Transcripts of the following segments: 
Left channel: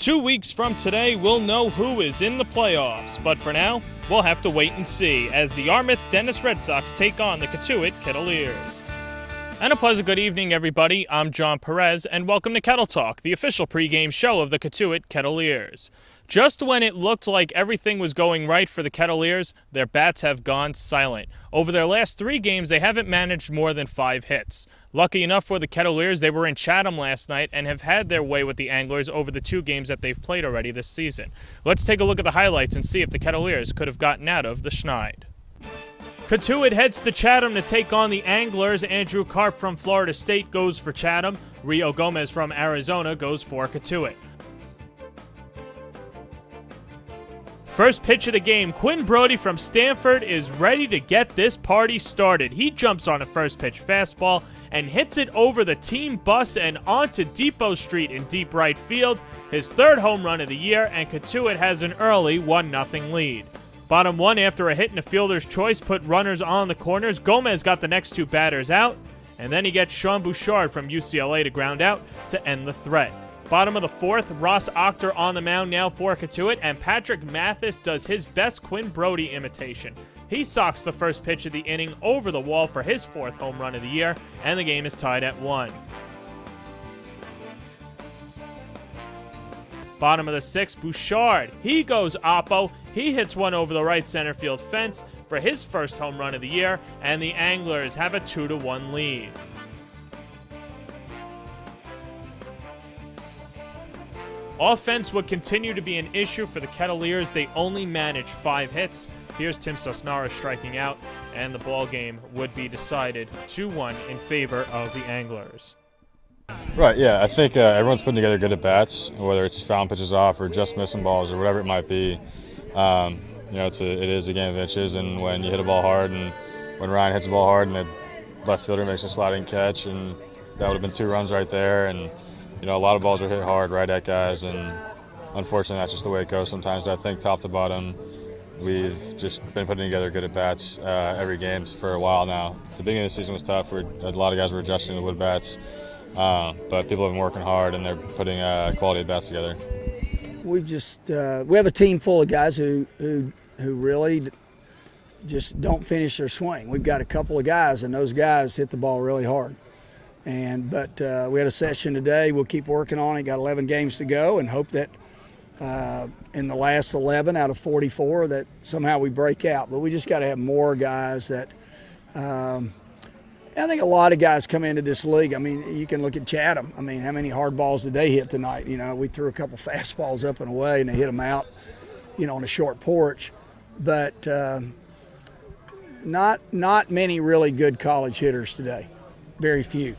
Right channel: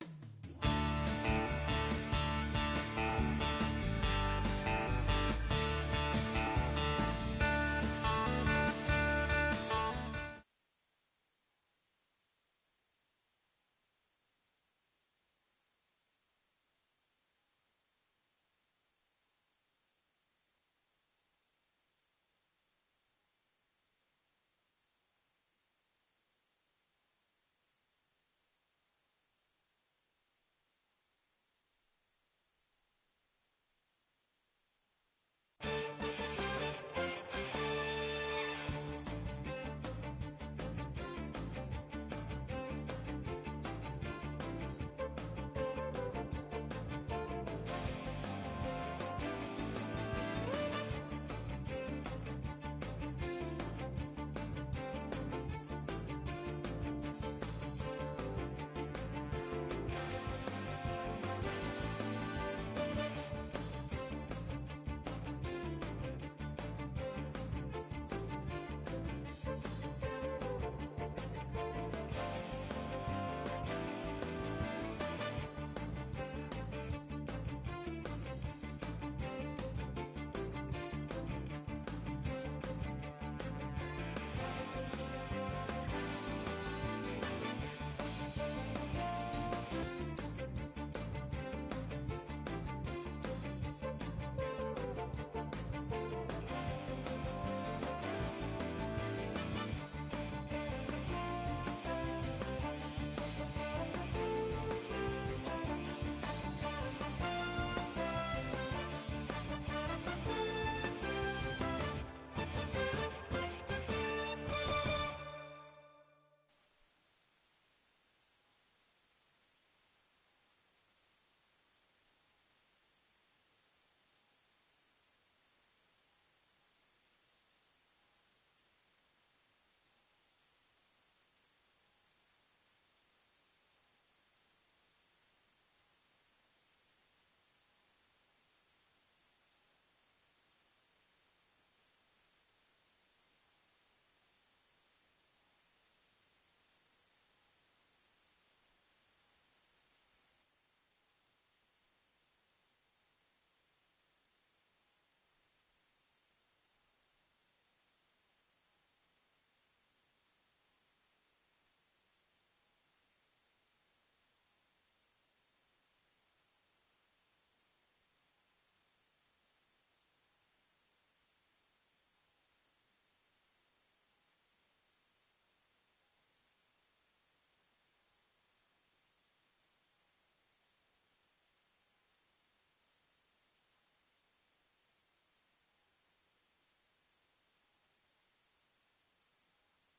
2 weeks from today, we'll know who is in the playoffs, but for now, we'll have to wait and see as the Yarmouth-Dennis Red Sox take on the Kettle Kettleers. And a pleasant good evening, everybody. I'm Jon Perez, and welcome to Kettle Talk, the official pregame show of the Kettle Kettleers. Just when it looked like everything was going right for the Kettleers, their bats have gone silent. Over their last 3 games, they haven't managed more than 5 hits. Lucky enough for the Kettleers, they were in Chatham last night and have had their way with the Anglers over the 2 games that they've played already this season. Let's take a look at the highlights and see if the Kettleers could have gotten out of the schneid. Kettle heads to Chatham to take on the Anglers. Andrew Karp from Florida State goes for Chatham. Rio Gomez from Arizona goes for Kettle. First pitch of the game, Quinn Brody from Stanford is ready to get this party started. He jumps on a first pitch fastball and hits it over the team bus and onto Depot Street in deep right field. His 3rd home run of the year, and Kettle has an early 1-0 lead. Bottom 1 after a hit and a fielder's choice put runners on the corners. Gomez got the next 2 batters out, and then he gets Sean Bouchard from UCLA to ground out to end the threat. Bottom of the 4th, Ross Octor on the mound now for Kettle, and Patrick Mathis does his best Quinn Brody imitation. He socks the first pitch of the inning over the wall for his 4th home run of the year, and the game is tied at 1. Bottom of the 6th, Bouchard. He goes oppo. He hits one over the right center field fence for his 1st home run of the year, and the Anglers have a 2-1 lead. Offense would continue to be an issue for the Kettleers. They only managed 5 hits. Here's Tim Sosnara striking out, and the ball game would be decided 2-1 in favor of the Anglers. Right, yeah. I think everyone's putting together good at-bats, whether it's foul pitches off or just missing balls or whatever it might be. It is a game of inches, and when you hit a ball hard, and when Ryan hits a ball hard and the left fielder makes a sliding catch, and that would have been 2 runs right there. And a lot of balls are hit hard right at guys, and unfortunately that's just the way it goes sometimes. But I think top to bottom, we've just been putting together good at-bats every game for a while now. The beginning of the season was tough. A lot of guys were adjusting to wood bats, but people have been working hard, and they're putting quality at-bats together. We have a team full of guys who really just don't finish their swing. We've got a couple of guys, and those guys hit the ball really hard. But we had a session today. We'll keep working on it. Got 11 games to go, and hope that in the last 11 out of 44 that somehow we break out. But we just got to have more guys that I think a lot of guys come into this league. I mean, you can look at Chatham. I mean, how many hard balls did they hit tonight? We threw a couple fastballs up and away, and they hit them out, on a short porch. But not many really good college hitters today. Very few.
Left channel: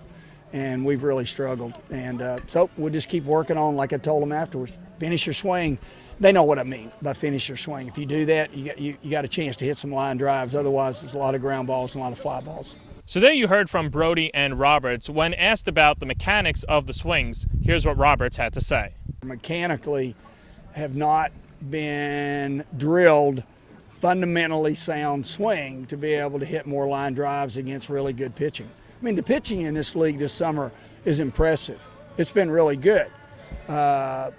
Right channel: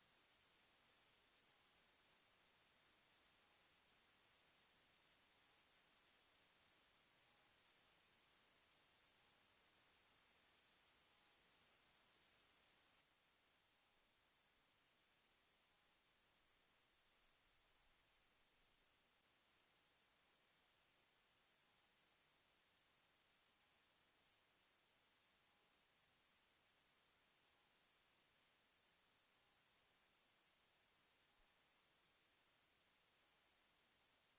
And we've really struggled. And so we'll just keep working on, like I told them afterwards, finish your swing. They know what I mean by finish your swing. If you do that, you got a chance to hit some line drives. Otherwise, there's a lot of ground balls and a lot of fly balls. So there you heard from Brody and Roberts. When asked about the mechanics of the swings, here's what Roberts had to say. Mechanically have not been drilled fundamentally sound swing to be able to hit more line drives against really good pitching. I mean, the pitching in this league this summer is impressive. It's been really good.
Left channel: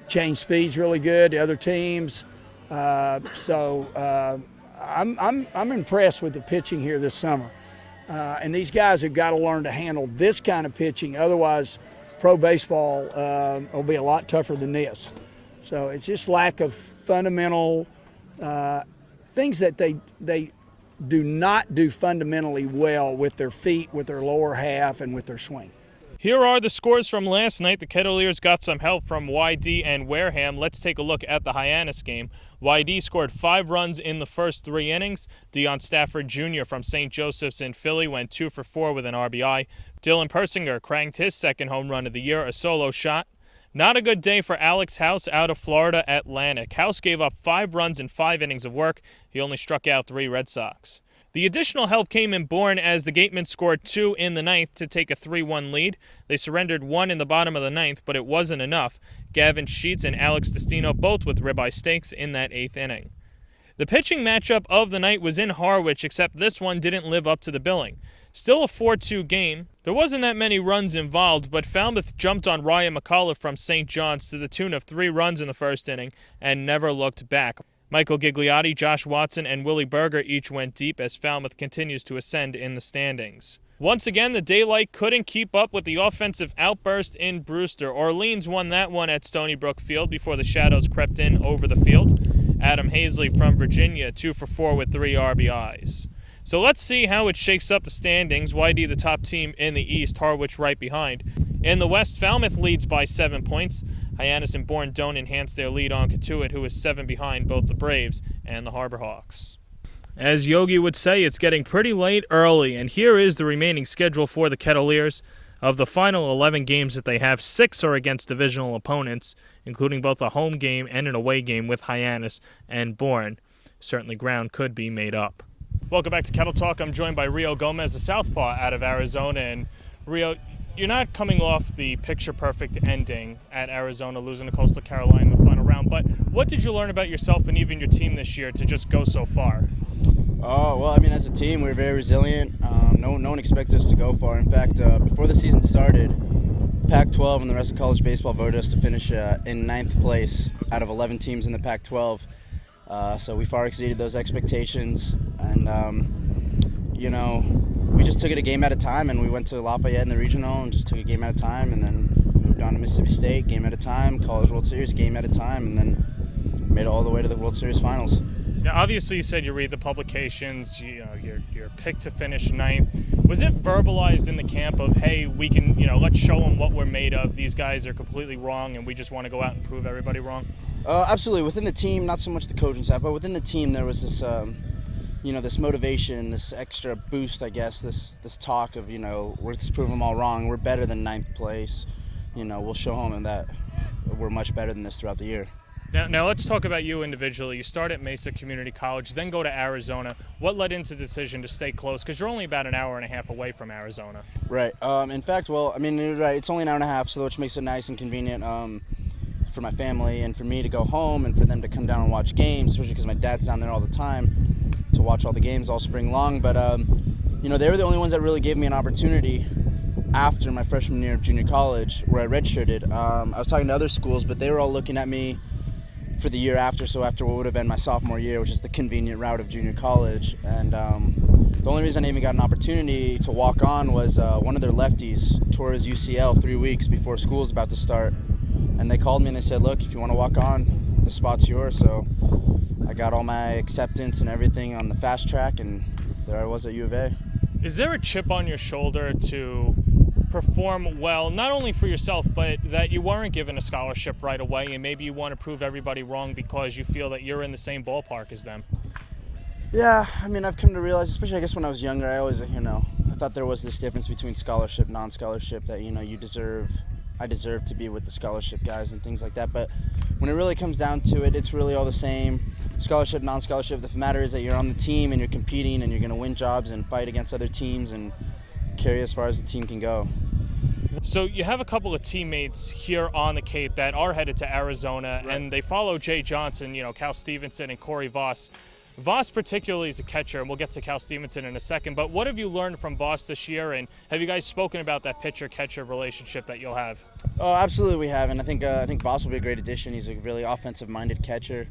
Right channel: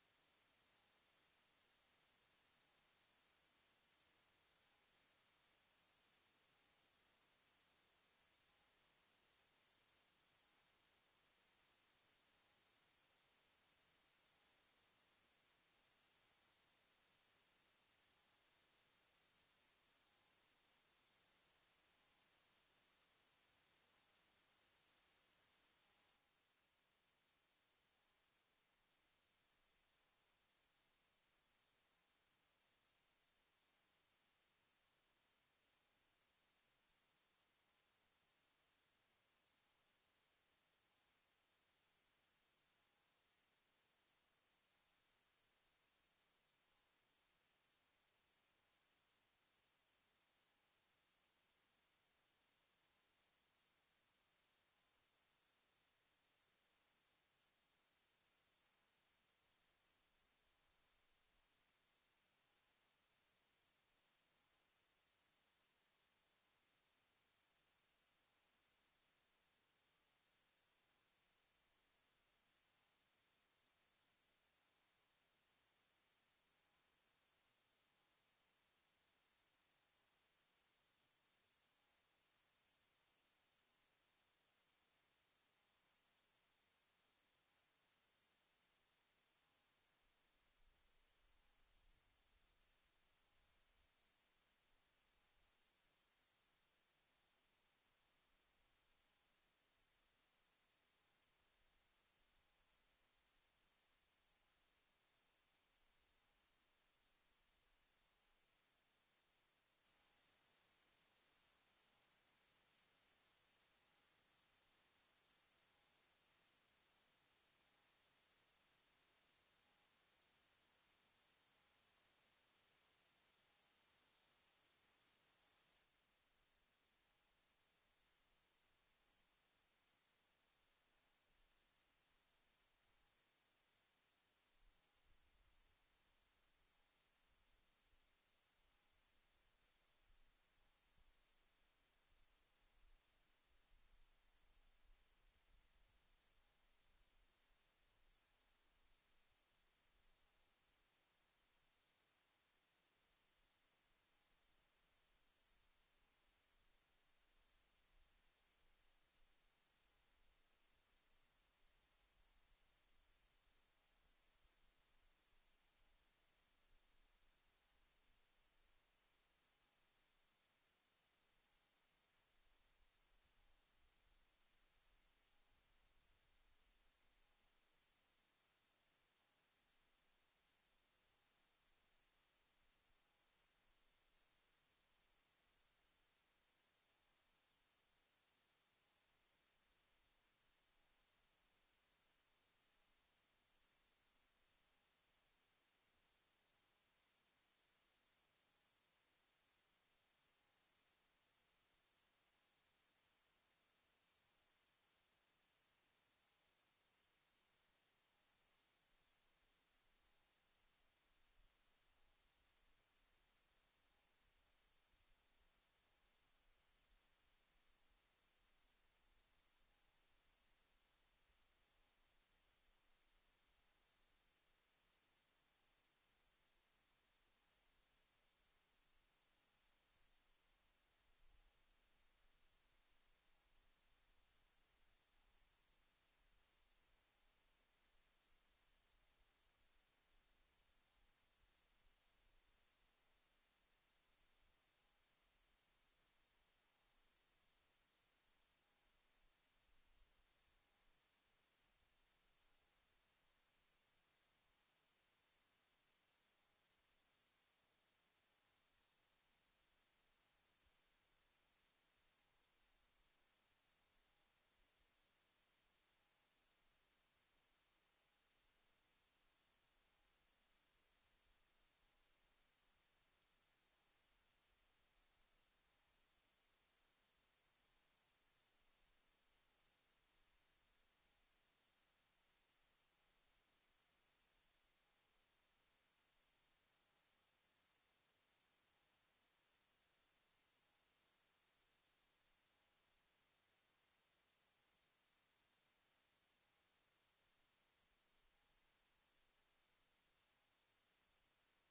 Change speed's really good. The other teams. I'm impressed with the pitching here this summer. And these guys have got to learn to handle this kind of pitching. Otherwise, pro baseball will be a lot tougher than this. So it's just lack of fundamental things that they do not do fundamentally well with their feet, with their lower half, and with their swing. Here are the scores from last night. The Kettleers got some help from YD and Wareham. Let's take a look at the Hyannis game. YD scored 5 runs in the first 3 innings. Deion Stafford Jr. from St. Joseph's in Philly went 2 for 4 with an RBI. Dylan Persinger cranked his 2nd home run of the year, a solo shot. Not a good day for Alex House out of Florida Atlantic. House gave up 5 runs in 5 innings of work. He only struck out 3 Red Sox. The additional help came in Bourne as the Gatemen scored 2 in the 9th to take a 3-1 lead. They surrendered 1 in the bottom of the 9th, but it wasn't enough. Gavin Sheets and Alex Destino both with ribeye steaks in that 8th inning. The pitching matchup of the night was in Harwich, except this one didn't live up to the billing. Still a 4-2 game. There wasn't that many runs involved, but Falmouth jumped on Ryan McCullough from St. John's to the tune of 3 runs in the first inning and never looked back. Michael Gigliotti, Josh Watson, and Willie Berger each went deep as Falmouth continues to ascend in the standings. Once again, the daylight couldn't keep up with the offensive outburst in Brewster. Orleans won that one at Stony Brook Field before the shadows crept in over the field. Adam Hazley from Virginia, 2 for 4 with 3 RBIs. So let's see how it shakes up the standings. YD the top team in the East, Harwich right behind. In the West, Falmouth leads by 7 points. Hyannis and Bourne don't enhance their lead on Kettuit, who is 7 behind both the Braves and the Harbor Hawks. As Yogi would say, it's getting pretty late early, and here is the remaining schedule for the Kettleers. Of the final 11 games that they have, 6 are against divisional opponents, including both a home game and an away game with Hyannis and Bourne. Certainly ground could be made up. Welcome back to Kettle Talk. I'm joined by Rio Gomez, the southpaw out of Arizona. And Rio, you're not coming off the picture-perfect ending at Arizona, losing to Coastal Carolina in the final round, but what did you learn about yourself and even your team this year to just go so far? Oh, well, I mean, as a team, we're very resilient. No one expected us to go far. In fact, before the season started, Pac-12 and the rest of college baseball voted us to finish in 9th place out of 11 teams in the Pac-12. So we far exceeded those expectations. And, we just took it a game at a time, and we went to Lafayette in the regional and just took a game at a time, and then moved on to Mississippi State, game at a time, College World Series, game at a time, and then made it all the way to the World Series finals. Now, obviously, you said you read the publications, you're picked to finish 9th. Was it verbalized in the camp of, hey, we can, let's show them what we're made of. These guys are completely wrong, and we just want to go out and prove everybody wrong? Absolutely. Within the team, not so much the coaching staff, but within the team, there was this, this motivation, this extra boost, I guess, this talk of, let's prove them all wrong. We're better than 9th place. We'll show them that we're much better than this throughout the year. Now let's talk about you individually. You start at Mesa Community College, then go to Arizona. What led into the decision to stay close? Because you're only about an hour and a half away from Arizona. Right. In fact, you're right. It's only an hour and a half, so which makes it nice and convenient for my family and for me to go home and for them to come down and watch games, especially because my dad's down there all the time to watch all the games all spring long. But, they were the only ones that really gave me an opportunity after my freshman year of junior college where I redshirted. I was talking to other schools, but they were all looking at me for the year after, so after what would have been my sophomore year, which is the convenient route of junior college. And the only reason I even got an opportunity to walk on was one of their lefties tore his UCL 3 weeks before school was about to start. And they called me and they said, look, if you want to walk on, the spot's yours. So I got all my acceptance and everything on the fast track, and there I was at U of A. Is there a chip on your shoulder to perform well, not only for yourself, but that you weren't given a scholarship right away and maybe you want to prove everybody wrong because you feel that you're in the same ballpark as them? Yeah, I've come to realize, especially I guess when I was younger, I always, I thought there was this difference between scholarship, non-scholarship, that, I deserve to be with the scholarship guys and things like that. But when it really comes down to it, it's really all the same. Scholarship, non-scholarship, the matter is that you're on the team and you're competing and you're going to win jobs and fight against other teams and carry as far as the team can go. So you have a couple of teammates here on the Cape that are headed to Arizona, right, and they follow Jay Johnson, Cal Stevenson and Corey Voss. Voss particularly is a catcher, and we'll get to Cal Stevenson in a second, but what have you learned from Voss this year, and have you guys spoken about that pitcher-catcher relationship that you'll have? Oh, absolutely we have, and I think Voss will be a great addition. He's a really offensive-minded catcher,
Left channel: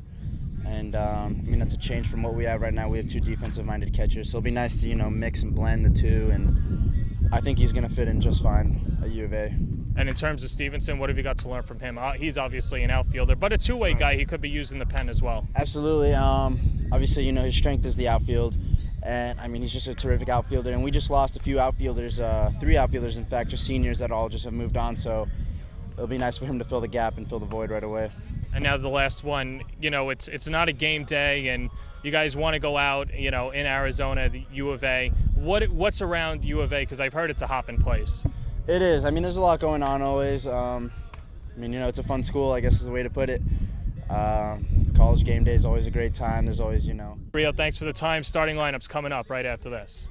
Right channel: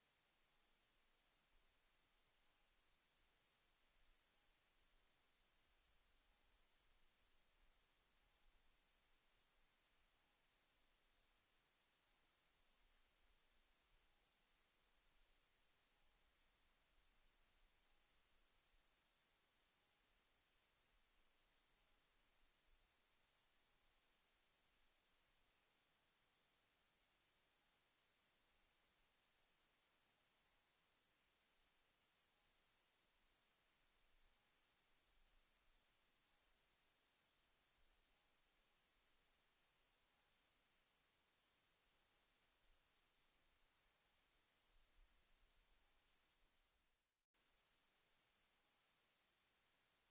and that's a change from what we have right now. We have 2 defensive-minded catchers, so it'll be nice to, mix and blend the 2, and I think he's going to fit in just fine at U of A. And in terms of Stevenson, what have you got to learn from him? He's obviously an outfielder, but a two-way guy. He could be used in the pen as well. Absolutely. Obviously, his strength is the outfield. And, he's just a terrific outfielder. And we just lost a few outfielders, 3 outfielders, in fact, just seniors that all just have moved on. So it'll be nice for him to fill the gap and fill the void right away. And now the last one, it's not a game day, and you guys want to go out, in Arizona, the U of A. What's around U of A? Because I've heard it's a hopping place. It is. There's a lot going on always. It's a fun school, I guess is the way to put it. College game day is always a great time. There's always, Rio, thanks for the time. Starting lineup's coming up right after this.